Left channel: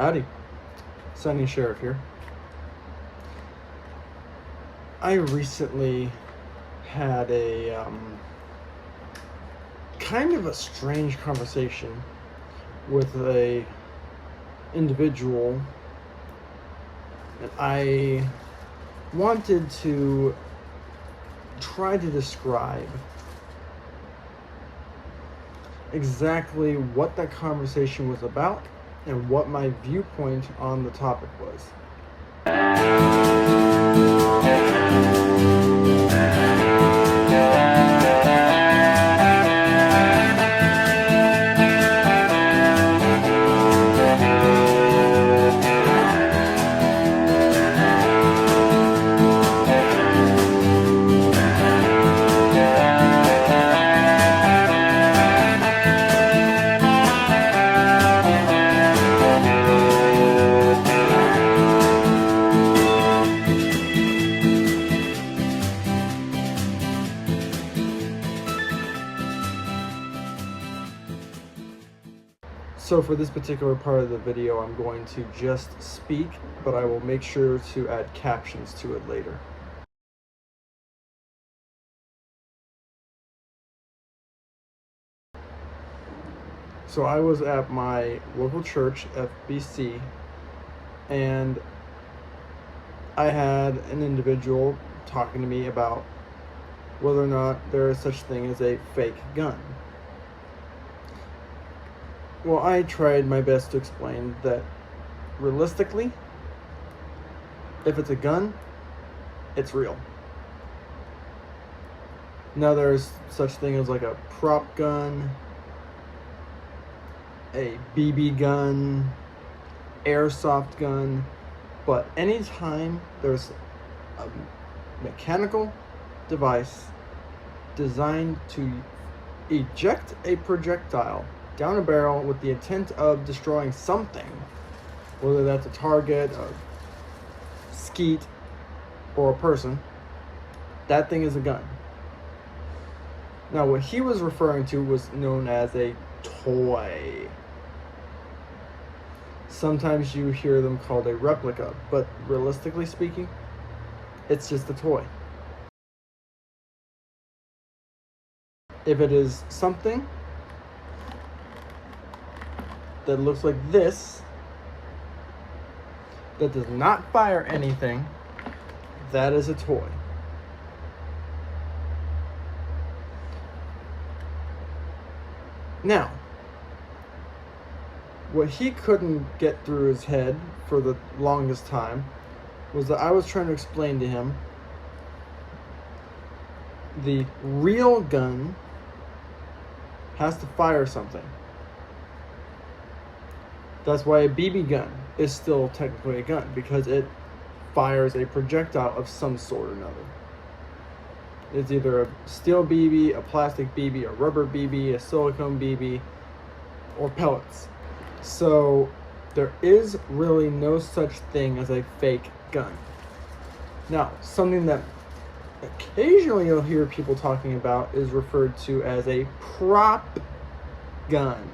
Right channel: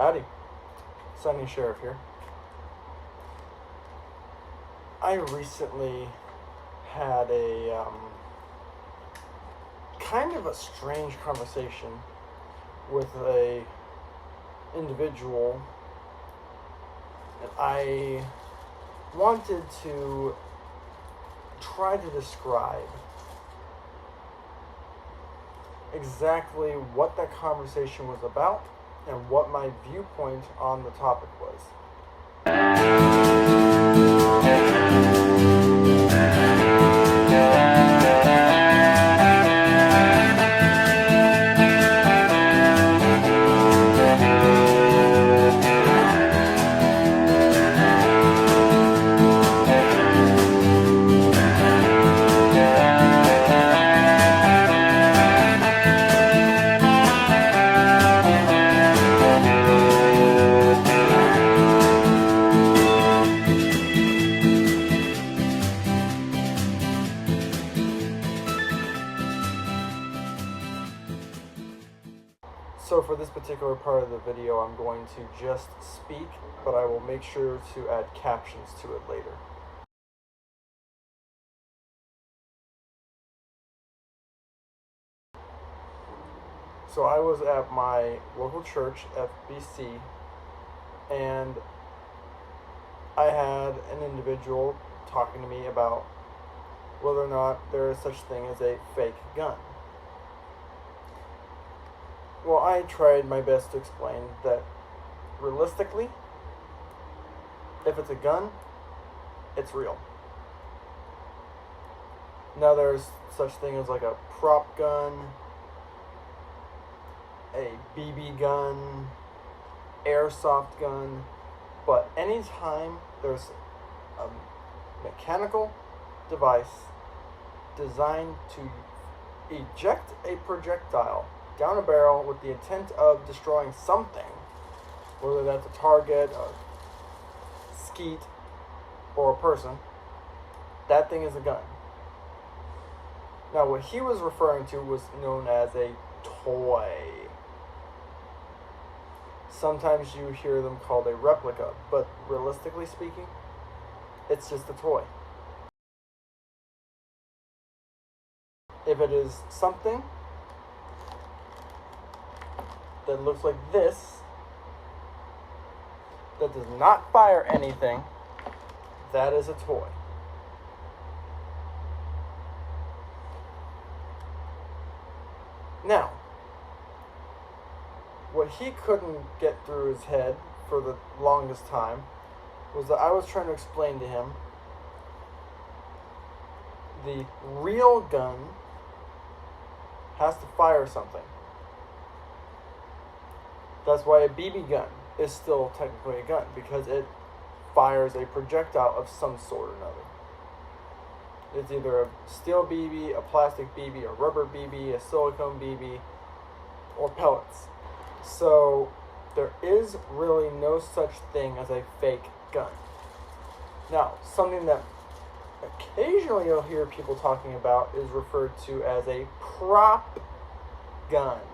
Howdy, Sunny Sheriff here. I recently had a kind of a strange conversation with a individual, and I wanted to try to describe exactly what that conversation was about and what my viewpoint on the topic was. So for this particular part of the video, I'm going to just speak, but I will make sure to add captions to it later. So I was at my local church, FBC, and I had an individual talking to me about whether or not there is such thing as a fake gun. Well, I tried my best to explain that realistically, if it's a gun, it's real. Now there's such thing as like a prop gun, a BB gun, airsoft gun, but anytime there's a mechanical device designed to eject a projectile down a barrel with the intent of destroying something, whether that's a target, a skeet, or a person, that thing is a gun. Now, what he was referring to was known as a toy. Sometimes you hear them called a replica, but realistically speaking, it's just a toy. If it is something that looks like this, that does not fire anything, that is a toy. Now, what he couldn't get through his head for the longest time was that I was trying to explain to him the real gun has to fire something. That's why a BB gun is still technically a gun, because it fires a projectile of some sort or another. It's either a steel BB, a plastic BB, a rubber BB, a silicone BB, or pellets. So there is really no such thing as a fake gun. Now, something that occasionally you'll hear people talking about is referred to as a prop gun.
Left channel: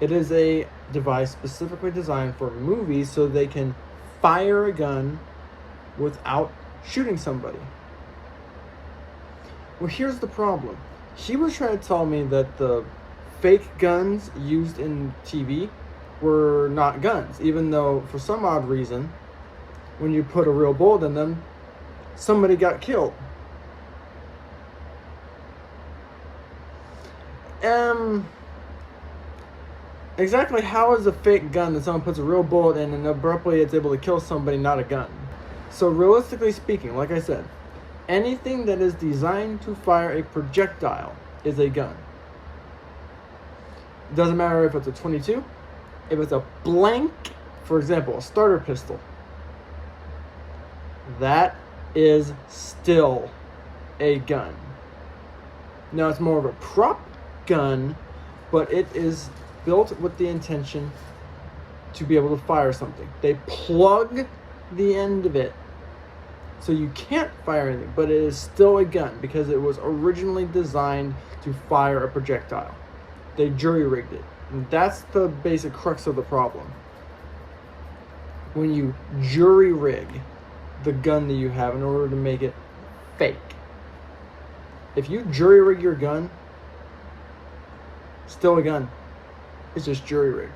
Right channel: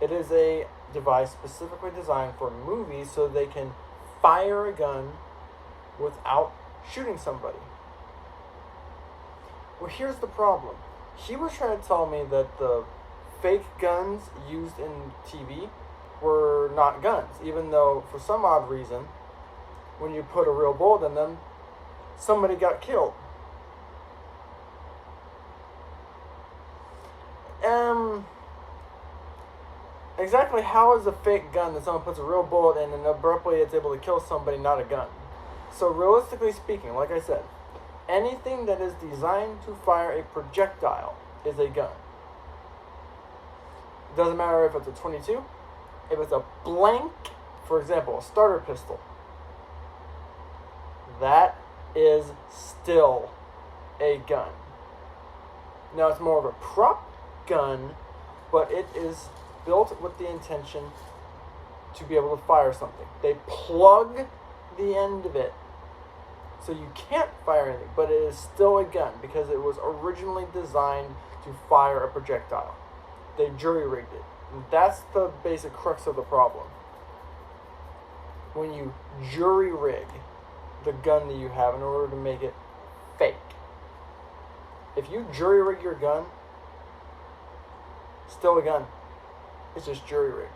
It is a device specifically designed for movies so they can fire a gun without shooting somebody. Well, here's the problem. He was trying to tell me that the fake guns used in TV were not guns, even though for some odd reason, when you put a real bullet in them, somebody got killed. Exactly how is a fake gun that someone puts a real bullet in and abruptly it's able to kill somebody not a gun? So realistically speaking, like I said, anything that is designed to fire a projectile is a gun. It doesn't matter if it's a 22, if it's a blank, for example, a starter pistol. That is still a gun. Now it's more of a prop gun, but it is built with the intention to be able to fire something. They plug the end of it so you can't fire anything, but it is still a gun because it was originally designed to fire a projectile. They jury-rigged it. And that's the basic crux of the problem. When you jury rig the gun that you have in order to make it fake. If you jury rig your gun, still a gun. It's just jury rigged.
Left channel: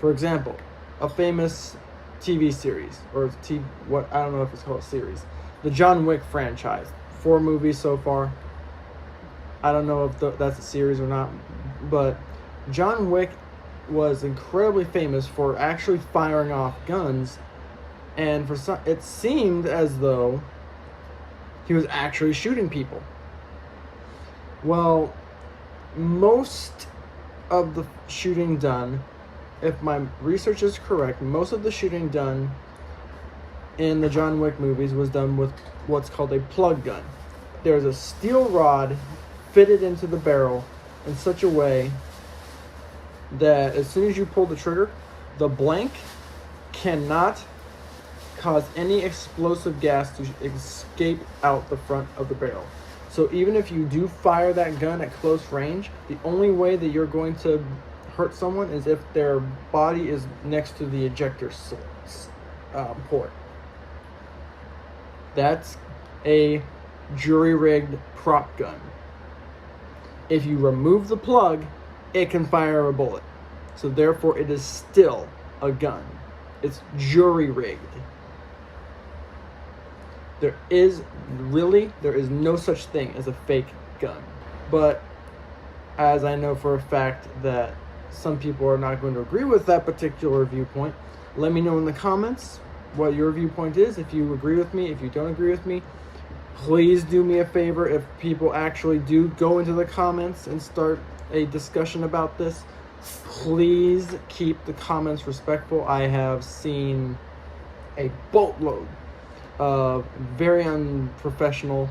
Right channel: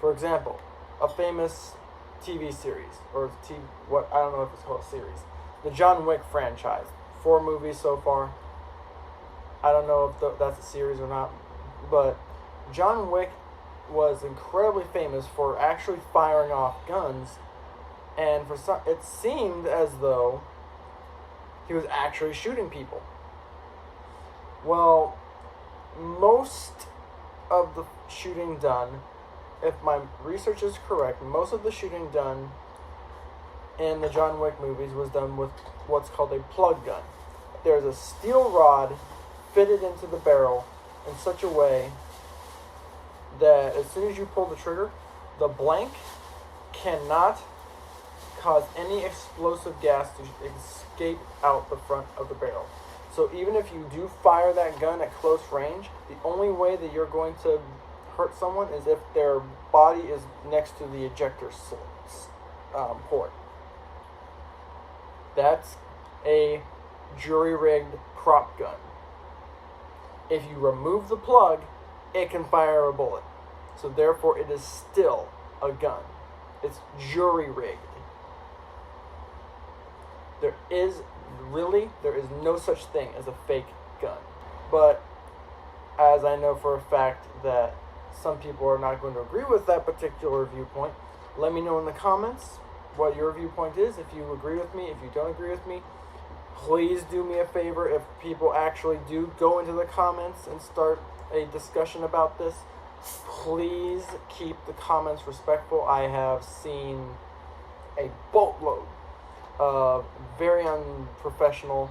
For example, a famous TV series, or I don't know if it's called a series, the John Wick franchise. 4 movies so far. I don't know if that's a series or not, but John Wick was incredibly famous for actually firing off guns, and it seemed as though he was actually shooting people. Well, most of the shooting done, if my research is correct, most of the shooting done in the John Wick movies was done with what's called a plug gun. There's a steel rod fitted into the barrel in such a way that as soon as you pull the trigger, the blank cannot cause any explosive gas to escape out the front of the barrel. So even if you do fire that gun at close range, the only way that you're going to hurt someone is if their body is next to the ejector port. That's a jury-rigged prop gun. If you remove the plug, it can fire a bullet. So therefore, it is still a gun. It's jury-rigged. There is no such thing as a fake gun. But as I know for a fact that some people are not going to agree with that particular viewpoint, let me know in the comments what your viewpoint is. If you agree with me, if you don't agree with me, please do me a favor. If people actually do go into the comments and start a discussion about this, please keep the comments respectful. I have seen a boatload of very unprofessional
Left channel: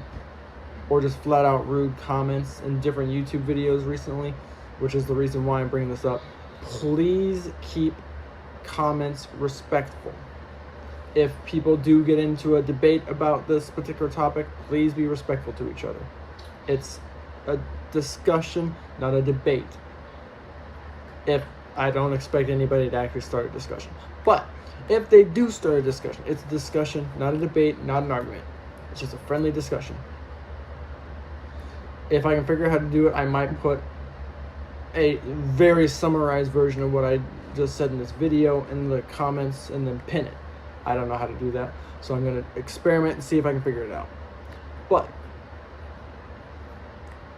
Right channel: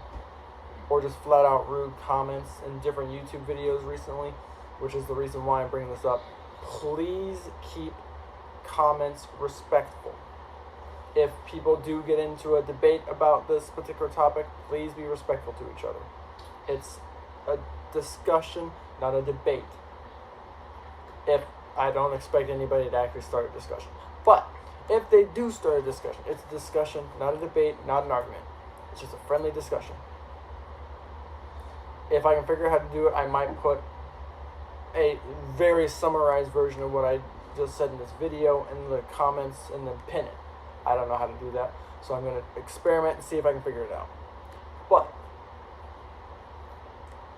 or just flat out rude comments in different YouTube videos recently, which is the reason why I'm bringing this up. Please keep comments respectful. If people do get into a debate about this particular topic, please be respectful to each other. It's a discussion, not a debate. If I don't expect anybody to actually start a discussion. But if they do start a discussion, it's a discussion, not a debate, not an argument. It's just a friendly discussion. If I can figure out how to do it, I might put a very summarized version of what I just said in this video in the comments and then pin it. I don't know how to do that, so I'm going to experiment and see if I can figure it out. But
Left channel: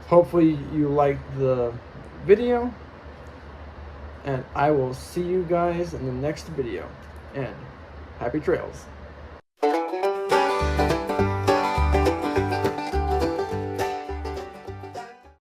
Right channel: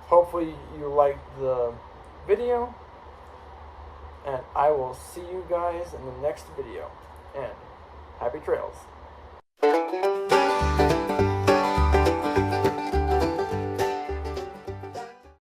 hopefully you liked the video, and I will see you guys in the next video, and happy trails.